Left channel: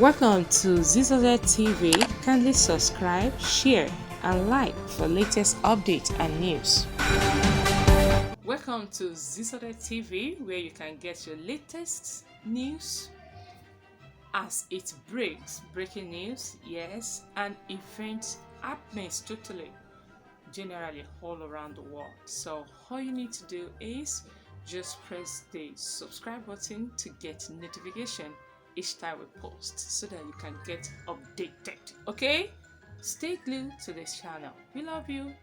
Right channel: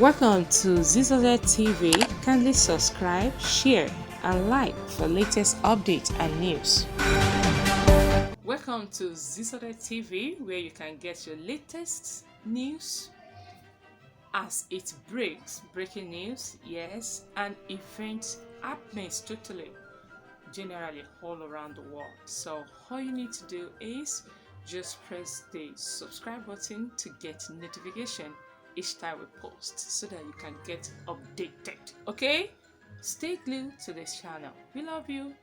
Welcome to Zisodel TV. Kindly subscribe, share, and like for latest updates and news. Welcome to Zisodel TV, where you can get your latest news as it breaks. Breaking news, yes, and events happenings totally, generally all around the world. So all you need to do is just press the subscribe button to get notification each time we post so that you can get updated. Okay, stay glued to this channel. We love you.